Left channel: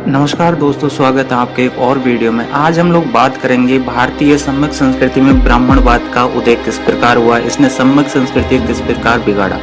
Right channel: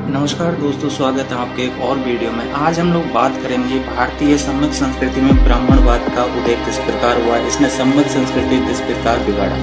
नमस्कार दोस्तों, स्वागत है आपके एक और वीडियो में। आज हम लोग बात करेंगे भारतीय सम्यक संस्कृति में ब्राह्मणवाद का उदय किस प्रकार हुआ, इसने सम्यक संस्कृति किस प्रकार बिगाड़ा।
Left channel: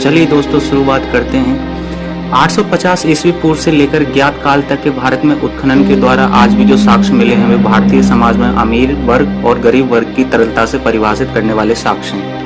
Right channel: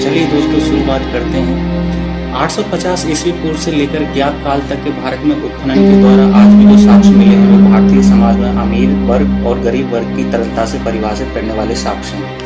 चलिए दोस्तों शुरुआत करते हैं। 850 ईस्वी पूर्व से लेकर ज्ञात काल तक के भारत में उत्खनन के द्वारा आज भी जो साक्ष्य मिले हैं वे भारतीय समाज में अमीर वर्ग और गरीब वर्ग की तरलता से परिभाषित करने वाले साक्ष्य हैं।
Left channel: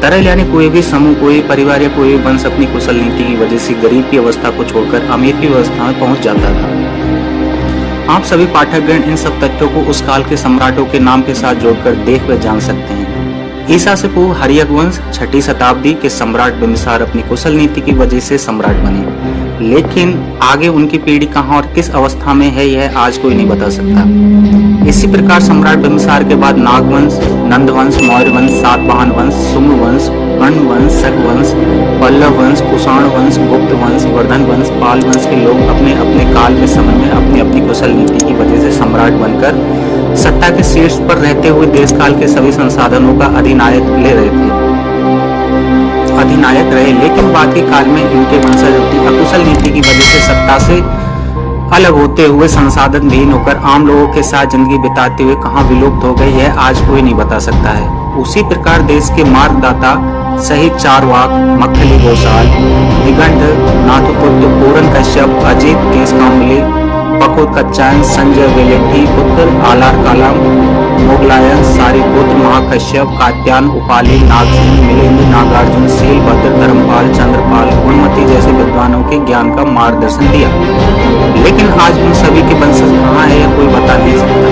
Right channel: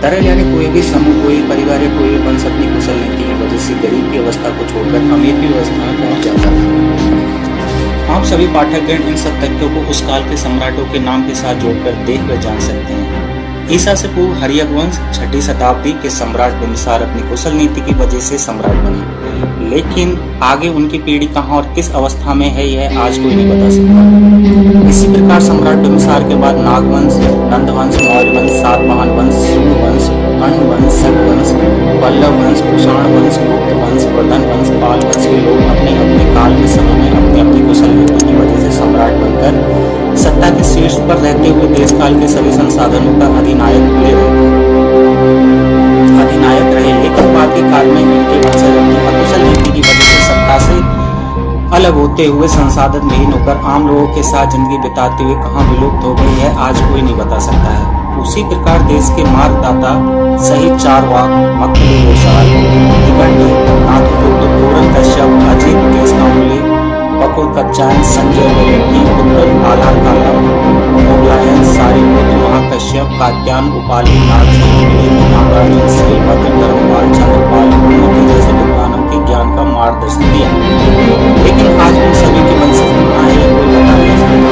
तरल यानी कोई भी समूह, कोई परिवार या कोई वंश अपनी कुशल नीति की वजह से गरीब की अवस्था को छोड़कर अमीर की अवस्था में पहुंच जाता था। आप सभी पाठकगण इन सब तथ्यों को उस काल के सम्राटों के नाम के साथ जोड़कर देख व जान सकते हैं। ईसा से पूर्व हर्यक वंश 6ठी शताब्दी के सम्राट बिंदुसार अपनी कुशल नीति की वजह से सम्राट बने, लेकिन आगे उनकी पीढ़ी कहां और किस अवस्था में है यह आज कोई नहीं बता सकता। इसी प्रकार सम्राट बिंदुसार के बाद नाग वंश, नंद वंश, मौर्य वंश, सातवाहन वंश, सुंग वंश, अर्ण वंश, शक वंश, पल्लव वंश, कुषाण वंश, गुप्त वंश, वर्धन वंश, पाल वंश के लोग अपने अपने काल में समय में अपनी अपनी कुशल नीति की वजह से सम्राट बनकर सत्ता के शीर्ष पर रहते हुए देश काल के सभी संसाधनों का अधिनायक रहे, लेकिन बाद के काल में इनके वंशज अपनी अकुशल नीति की वजह से सत्ता से अलग होते हुए संसाधन विहीन होकर आम लोगों के साथ जिंदगी बिताते हुए कहां विलुप्त हो गए यह आज कोई नहीं बता सकता है। उसी प्रकार देश के मार्गदाता सहित चारवाक, मक्खली गोसाल, निघंट, नाथपुत्र, पूरन कश्यप, अजित केशकांबली, बकुर कच्चायन, संजय वेलेंगी, उत्तर आलार काला, मोगलायन, सारिपुत्र, महाकश्यप, कात्यायन, उपाली, नागसेन, मिलिंद, नागार्जुन, शीलभद्र, धर्मपाल, चंद्रपाल, गुणमती जैसे विद्वानों के ज्ञान का मार्गदर्शन दिया, लेकिन आज उन सभी के वंशज कहाँ है यह कोई बता नहीं सकता।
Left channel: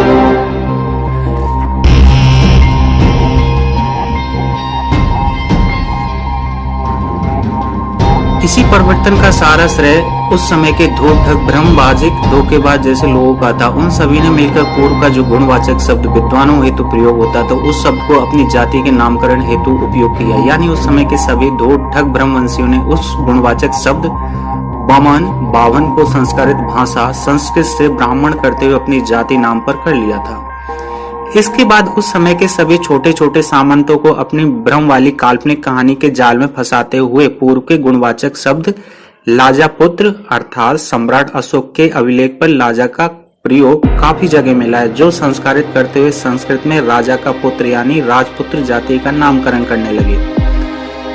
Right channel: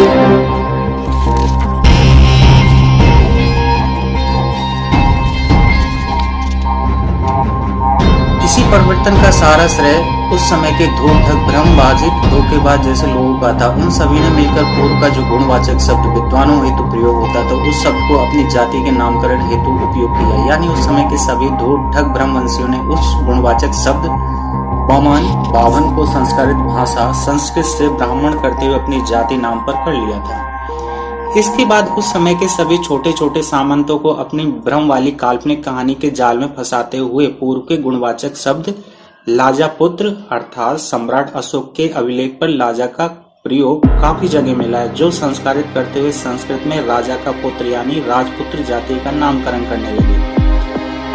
इसी परिवर्तन का सारा श्रेय उस समय के धूर्त, भ्रमवाजिक, धोखेबाज जैसे लोगों का था। उन सभी ने मिलकर पूर्व का जो गुणवाचक शब्द विद्वानों हेतु प्रयोग होता था उस शब्द को अपनी जाति के नामकरण हेतु उपयोग किया। यानी उस समय के सभी धूर्त, ठग, भ्रमवंशियों ने उस गुणवाचक शब्द बमन, बावन को संस्कृत भाषा संस्कृत से ब्राह्मण करते हुए अपनी जाति नाम पर कर लिया था। इसके बाद उस समय के सभी छोटे छोटे सामंतों को अपनी भ्रम वाली काल्पनिक कहानी के जाल में फंसाते हुए पूर्व के गुणवाचक शब्द लाजापुत्र अर्थात सम्राट अशोक के अभिलेख पर लाजा का प्रयोग काफी जगह मिला है, जो संस्कारित करते हुए संस्कृत में राजा का पुत्र यानी राजपुत्र जाति का नामकरण करने लगे।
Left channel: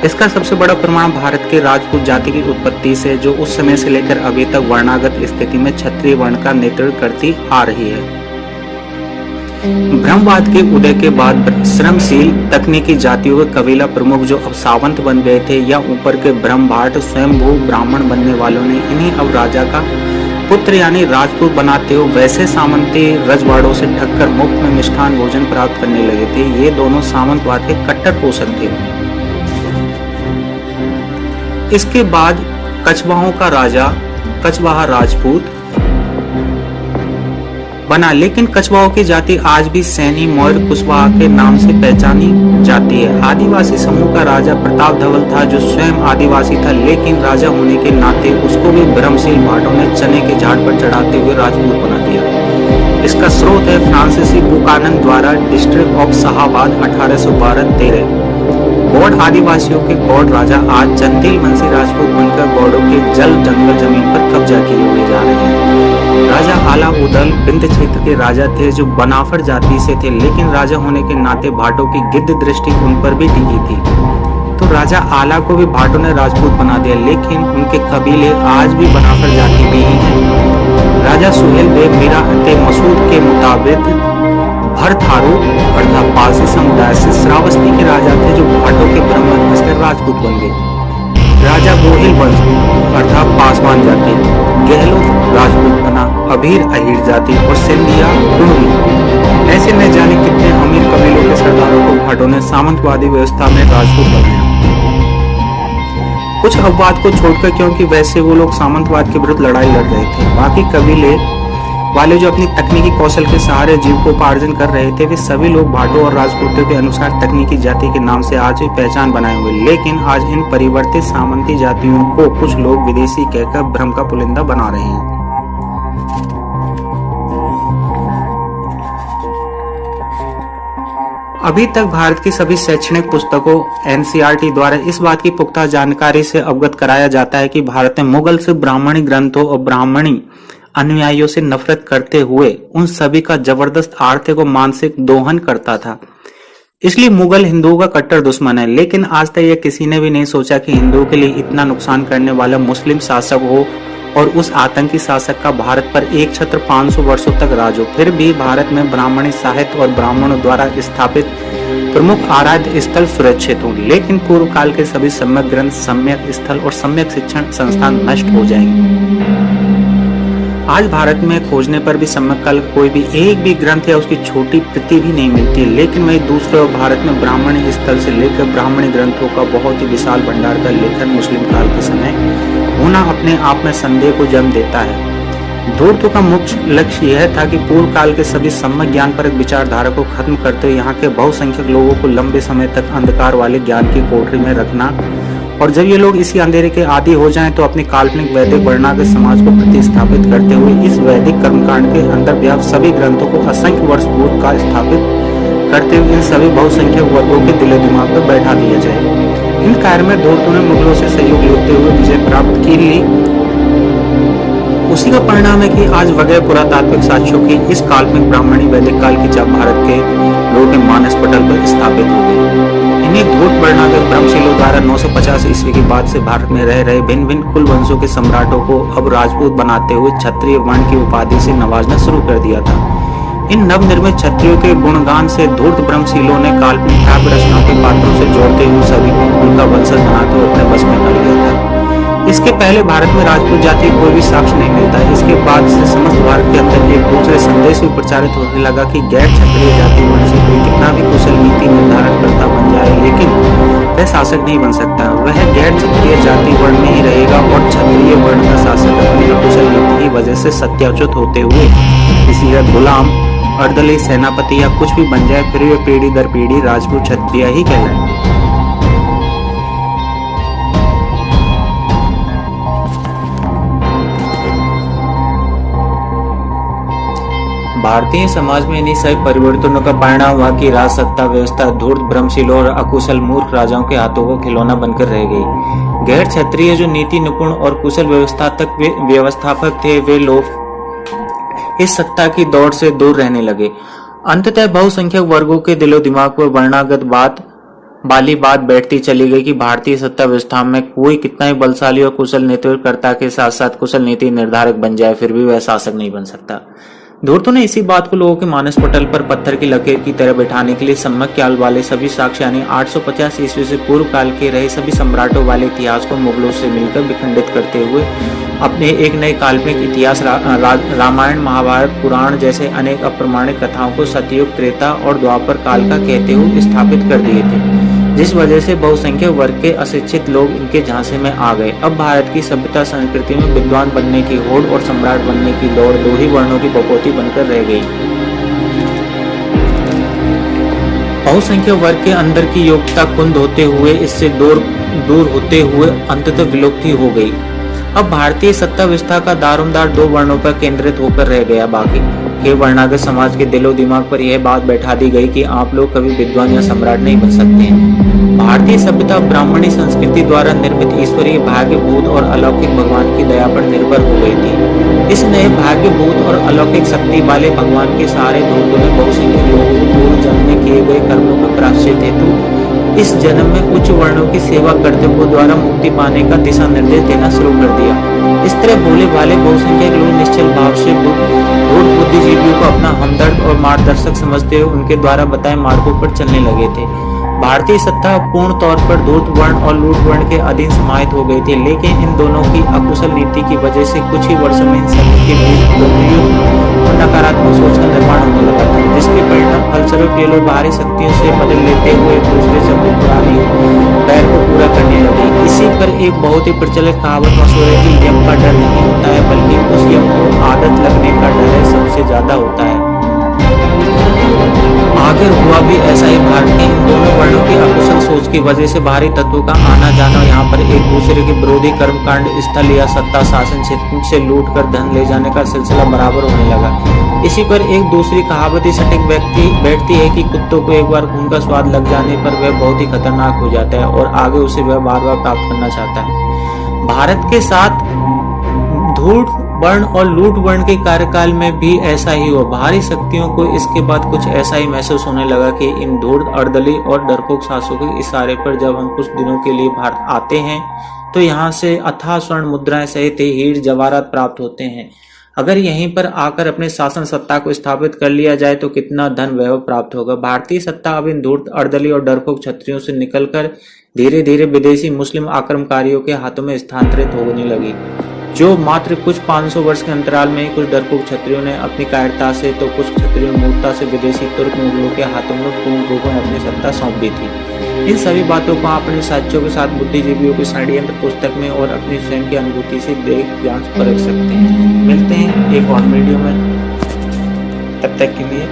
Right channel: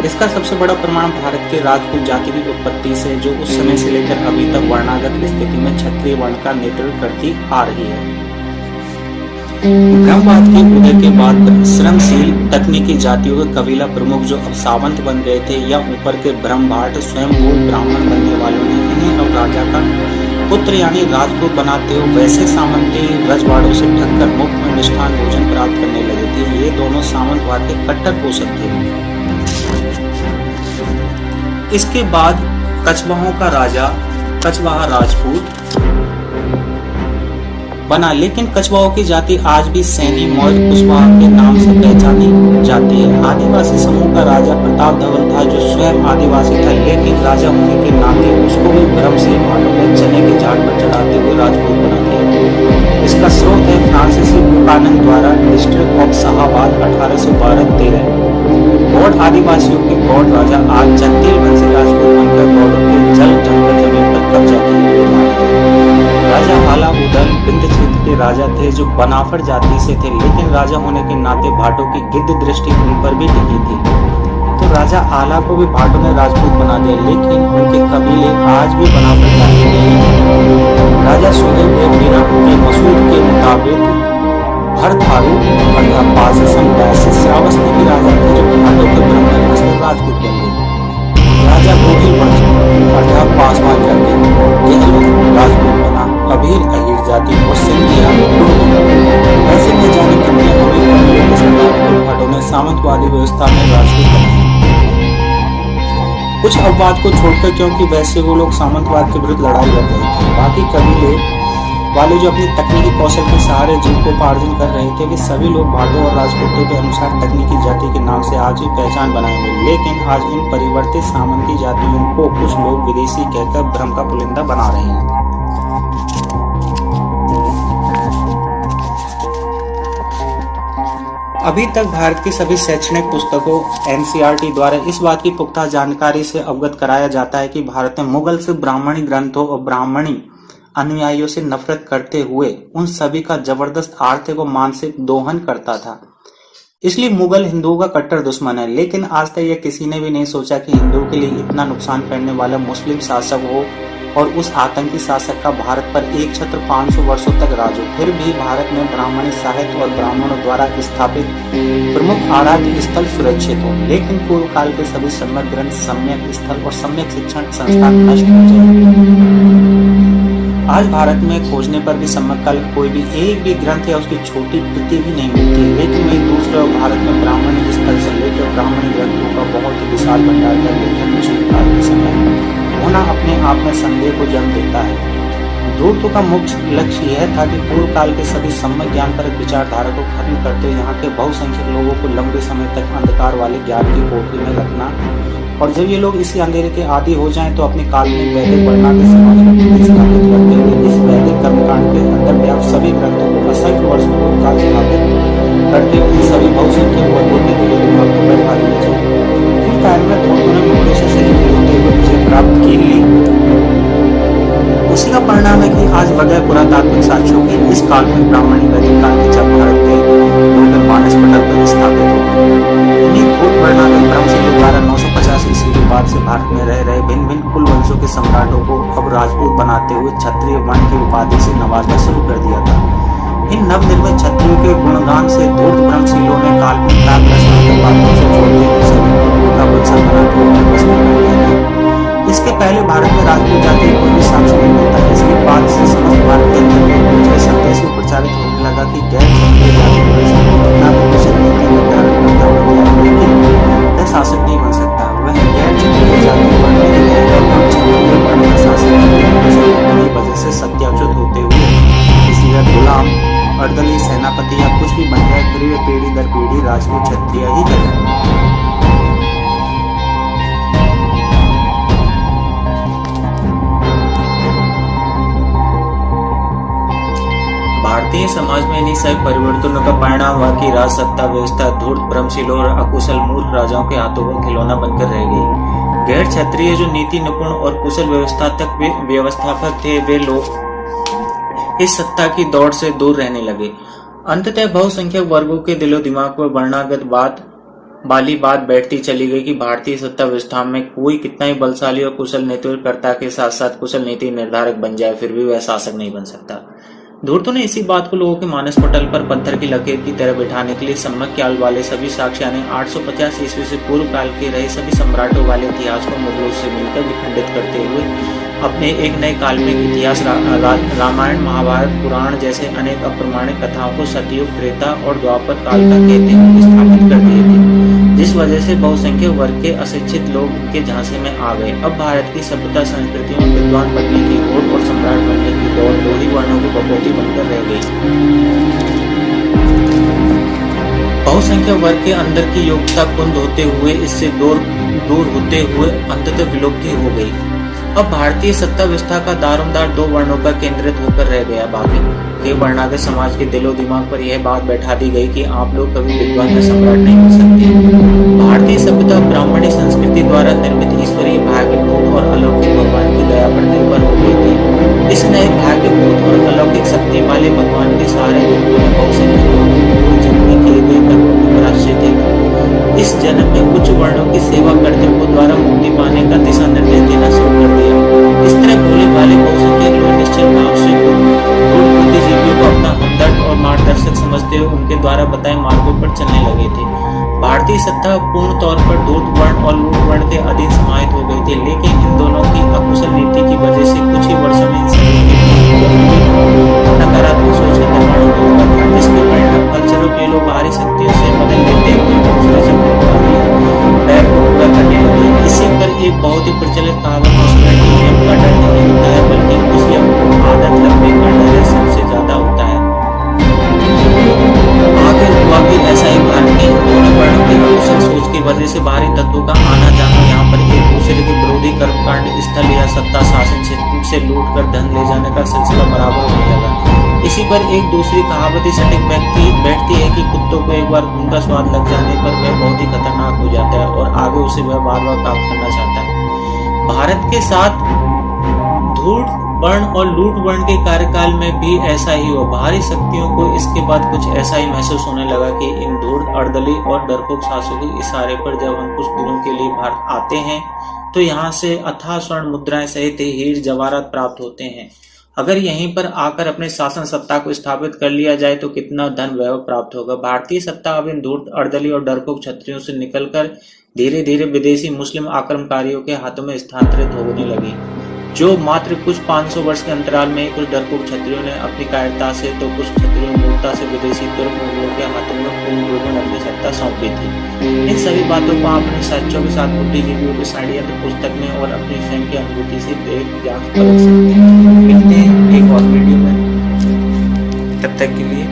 इसका सबसे बड़ा प्रमाण भारत के राजपूत जाति की उत्पत्ति से, जो उस समय से लेकर अभी तक वर्णागत स्थिति में क्षत्रिय वर्ण का नेतृत्व करती आ रही है। ब्रह्मवाद के उदय के बाद श्रमशील तकनीकी जातियों के कबीला प्रमुख जो अब सावंत बन गए थे या ऊपर के ब्रह्मभाट स्वयंभू ब्राह्मण बनने वालों ने इन्हीं अब राजा का पुत्र यानी राजपूत बनाते हुए वैसे सामंती रजवाड़ों से ठगकर मुफ्त में मिष्ठान भोजन प्राप्त करने लगे थे। ये दोनों सामंतवाद के कट्टर पोषक थे। इसके बाद कछवाहों का राजा कछवाहा राजपूत बना, लेकिन कछवाहों की जाति आज भी सैनी, मौर्य, कुशवाहा के नाम से पहचानी जाती है। आदिवासी समूह का राजा प्रताप धवल था जो स्वयं आदिवासी था, लेकिन राजा होने के नाते उसको भी भ्रमशील भाटों ने चने के झाड़ पर चढ़ाते हुए राजपूत बना दिया। इसका स्रोत है फ्रांसीसी बुकानन द्वारा डिस्ट्रिक्ट ऑफ शाहाबाद 1812-13। गौड़ आदिवासियों के गौड़ राजा आज चंदेल वंशी राजपूत बनकर गौड़ों के जल जंगल जमीन पर कब्जा किए हुए जा रहे हैं। राजा आला उदल विंध्य क्षेत्र के राजा थे जो बनाफर जाति से थे, लेकिन राजा होने के नाते भाटों की गिद्ध दृष्टि उन पर भी टिकी थी, तो राजा आला को भी भाटों ने राजपूत बना दिया, लेकिन उनके कबीले आज भी बनाफर जाति में ही थे। राजा सुहेल बेग मिराते मसूद के मुताबिक भरथारू अर्थात पारसी समुदाय से श्रावस्ती के राजा थे जो भाटों के ब्राह्मण बनकर राजपूत बन गए। राजा गोहिल वंश अर्थात पासवान जाति गहलोत राजपूत बना, अभीर अहीर जाति और सिंधिया कुंभी, ऐसे न जाने कितने अमीर कबीलों के सरदारों को भाटों ने सामंतवादी व्यवस्था में राजपूत बनाया। कुछ अपवाद को छोड़कर, क्योंकि वैसे वो लोग सामंतवाद के विरुद्ध लड़ाई लड़ रहे थे। बाकी कबीले वाले जो अपनी तकनीकी कौशल के सहारे जीविकोपार्जन कर रहे थे वे सभी लोग भाटों और राजपूतों के अनुसार तकनीकी जाति के नाम से आज भी पहचान बनाए हुए, लेकिन आज इन परिवर्तित सामंती जातियों को कुछ लोग विदेशी कहकर भ्रम का पुलिंदा बना रहे हैं। अभी तक भारत की सभी शैक्षणिक पुस्तकों एनसीईआरटी द्वारा इस बात की पुख्ता जानकारी से अवगत कराया जाता है कि भारत में मुगल से ब्राह्मणी ग्रंथों और ब्राह्मणी अनुयायियों से नफरत करते हुए उन सभी का जबरदस्त आर्थिक और मानसिक दोहन करता था। इसलिए मुगल हिंदुओं का कट्टर दुश्मन है। लेकिन आज तक यह किसी ने भी नहीं सोचा कि हिंदुओं के लिए इतना नुकसान करने वाला मुस्लिम शासक हो और उस आतंकी शासक का भारत पर एक छत्र 500 वर्षों तक राज हो। फिर भी भारत में ब्राह्मणी साहित्य और ब्राह्मणों द्वारा स्थापित प्रमुख आराध्य स्थल सुरक्षित हो, लेकिन पूर्व काल के सभी सम्यक ग्रंथ, सम्यक स्थल और सम्यक शिक्षण संस्थान नष्ट हो जाएंगे। आज भारत में खोजने पर भी सम्यक काल कोई भी एक भी ग्रंथ या उसकी छोटी प्रति भी नहीं मिलती। लेकिन वही दूसरे भारत में ब्राह्मणी स्थल से लेकर ब्राह्मणी ग्रंथों का बहुत ही विशाल भंडार का लेखन मुस्लिम काल के समय होना अपने आप में संदेह को जन्म देता है। धूर्त का मुख्य लक्ष्य यह था कि पूर्व काल के सभी सम्यक ज्ञान परक विचारधारा को खत्म करते हुए यहाँ के बहुसंख्यक लोगों को लंबे समय तक अंधकार वाले ज्ञान की कोठरी में रखना, और जब ये लोग इसी अंधेरे के आदी हो जाएं तो अपनी काल्पनिक वैदिक वर्णा के समाज को प्रतिस्थापित करते हुए इस वैदिक कर्मकांड के अंदर व्याप्त सभी ग्रंथों को असंख्य वर्ष पूर्व का स्थापित करते हुए इन सभी बहुसंख्यक वर्गों के दिलो दिमाग पर बैठा दिया जाए। इन कार्य में धूर्त ने मुगलों से सहयोग लेते हुए विजय प्राप्त की ली। उसी का परिणाम है कि आज वगैरह पुरातात्विक साक्ष्यों की इस काल्पनिक ब्राह्मणी वैदिक काल की छाप भारत के लोगों के मानस पटल पर स्थापित हो गई। इन्हीं भूत वर्णनात्मक ब्रह्मशीलों द्वारा 950 ईस्वी के बाद से भारत में रह रहे भिन्न भिन्न कुल वंशों के सम्राटों को अब राजपूत बनाते हुए क्षत्रिय वर्ण की उपाधि से नवाजना शुरू कर दिया था। इन नवनिर्मित क्षत्रियों के गुणगान से धूर्त ब्रह्मशीलों ने काल्पनिक काव्य रचना के पात्रों से जोड़ते हुए सभी को उनका वंशज बनाते हुए अपने बस में कर लिया था। इसके पहले भारत में राजपूत जाति कोई भी साक्ष्य नहीं मिलता। इसके बाद से समस्त भारत के अंदर एक दूसरे संदेश भी प्रचारित होने लगा कि गैर क्षत्रिय जाति से कितना भी कुशल नीति निर्धारण करता बन जाए, लेकिन वह शासक नहीं बन सकता। वह गैर क्षत्रिय जाति वर्ण में ही रहेगा और क्षत्रिय वर्ण का शासक अपनी कुशल नीति की वजह से सत्याच्युत होते हुए किसी का गुलाम, अर्दली, सेनापति या कुछ भी बन जाए, फिर वे पीढ़ी दर पीढ़ी राजपूत क्षत्रिय ही कहलाए। भारतीय समाज में इन्हीं सभी परिवर्तनों का परिणाम हुआ कि राज सत्ता व्यवस्था धूर्त ब्रह्मशीलों और अकुशल मूर्ख राजाओं के हाथों का खिलौना बनकर रह गई। गैर क्षत्रिय जो नीति निपुण और कुशल व्यवस्था तक व्यवस्थापक थे, वे लोग इस सत्ता की दौड़ से दूर रहने लगे। अंततः बहुसंख्यक वर्गों के दिलो दिमाग पर वर्णागत बात बैठती चली गई कि भारतीय सत्ता व्यवस्था में कोई कितना ही बलशाली और कुशल नेतृत्वकर्ता के साथ साथ कुशल नीति निर्धारक बन जाए, फिर भी वह शासक नहीं बन सकता। धूर्तों ने इसी बात को लोगों के मानस पटल पर पत्थर की लकीर की तरह बैठाने के लिए सम्यक काल वाले सभी साक्ष्य यानी 850 ईस्वी से पूर्व काल के रहे सभी सम्राटों वाले इतिहास को मुगलों से मिलकर विखंडित करते हुए अपने एक नए काल्पनिक इतिहास रामायण, महाभारत, पुराण जैसे अनेक अप्रमाणिक कथाओं को सतयुग, त्रेता और द्वापर काल का कहते हुए स्थापित कर दिए थे, जिस वजह से बहुसंख्यक वर्ग के अशिक्षित लोग इनके झांसे में आ गए। अब भारत की सभ्यता संस्कृति में विद्वान बनने की होड़ और सम्राट बनने की दौड़ दो ही वर्णों की बकौती बनकर रह गई। बहुसंख्यक वर्ग के अंदर की योग्यता कुंद होते हुए इससे दूर होते हुए अंततः विलुप्ति हो गई। अब भारतीय सत्ता व्यवस्था का दारोमदार दो वर्णों पर केंद्रित होकर रह गया। बाकी के वर्णागत समाज के दिलो दिमाग पर यह बात बैठा दी गई कि आप लोग कभी विद्वान या सम्राट नहीं बन सकते। भारतीय सभ्यता ब्राह्मणी संस्कृति द्वारा निर्मित ईश्वरीय भाग्यभूत और अलौकिक भगवान की दया पर निर्भर हो गई थी। इस नए भाग्यभूत और अलौकिक शक्ति वाले भगवान के सारे भक्तों ने बहुसंख्यक लोगों को पूर्व जन्म में किए गए कर्मों का प्रायश्चित हेतु इस जन्म में उच्च वर्णों की सेवा करते हुए द्वारा मुक्ति पाने का दिशा निर्देश देना शुरू कर दिया। इस तरह भोले भाले बहुसंख्यक लोग निश्चल भाव से बुद्धिजीवियों को अपना हमदर्द और मार्गदर्शक समझते हुए उनके द्वारा बताए मार्गों पर चलने लगे थे। भारतीय सत्ता पूर्ण तौर पर धूर्त वर्ण और लूट वर्ण के अधीन समाहित हो गई थी, लेकिन इन दोनों की अकुशल नीति की वजह से कुछ ही वर्षों में इन सभी के बीच नकारात्मक सोच का निर्माण होने लगा था, जिसके परिणाम फलस्वरूप ये लोग बाहरी शक्तियों से बदल लेते हुए एक दूसरे से अपनी पुरानी पैर को पूरा करने लगे। इसी पर एक बहुत ही प्रचलित कहावत मशहूर है कि यम का डर नहीं होता है, बल्कि उस यम को आदत लगने का डर सबसे ज्यादा होता है। आखिर हुआ भी ऐसा ही। भारत में इन दोनों वर्णों की अकुशल सोच की वजह से बाहरी तत्वों का आना जाना, यहाँ पर एक दूसरे के विरोधी कर्मकांड स्थल या सत्ता शासन क्षेत्र से लूट कर धन ले जाने का सिलसिला बराबर होने लगा। इसी पर एक दूसरी कहावत सटीक बैठती है कि कुत्तों को एक बार खून का स्वाद लग जाने पर वह बहुत ही खतरनाक हो जाता है और आगे उसे वह बार बार प्राप्त करना चाहता है। भारत के साथ धूर्त वर्ण और लूट वर्ण के कार्यकाल में भी ऐसा ही हुआ। बाहरी शक्तियों को इसके बाद कुछ ऐसा ही महसूस होने लगा कि इन धूर्त, अर्दली और डरपोक शासकों के इशारे पर जब हम कुछ दिनों के लिए भारत आते हैं तो यहाँ से अथाह स्वर्ण मुद्राएं सहित हीर जवाहरात प्राप्त होते हैं। अगर यहीं पर आकर अपने शासन सत्ता को स्थापित कर लिया जाए तो कितना धन वैभव प्राप्त होगा। भारतीय सत्ता अब इन धूर्त, अर्दली और डरपोक क्षत्रियों से निकलकर धीरे धीरे विदेशी मुस्लिम आक्रमणकारियों के हाथों में स्थानांतरित होने लगी, जो मात्र कुछ 500 वर्ष के अंतराल में कुछ डरपोक क्षत्रियों ने अपनी कायरता से तो कुछ क्षत्रियों मूर्खता से विदेशी तुर्क मुगलों के हाथों में पूर्ण रूप में अपनी सत्ता सौंप दी थी। इन सभी बातों को अपने साक्ष्यों के साथ बुद्धिजीवियों की षड्यंत्र पुस्तक में और अपनी स्वयं की अनुभूति से देख जांच परख सकते हैं। मिलते हैं एक और वीडियो में, तब तक के लिए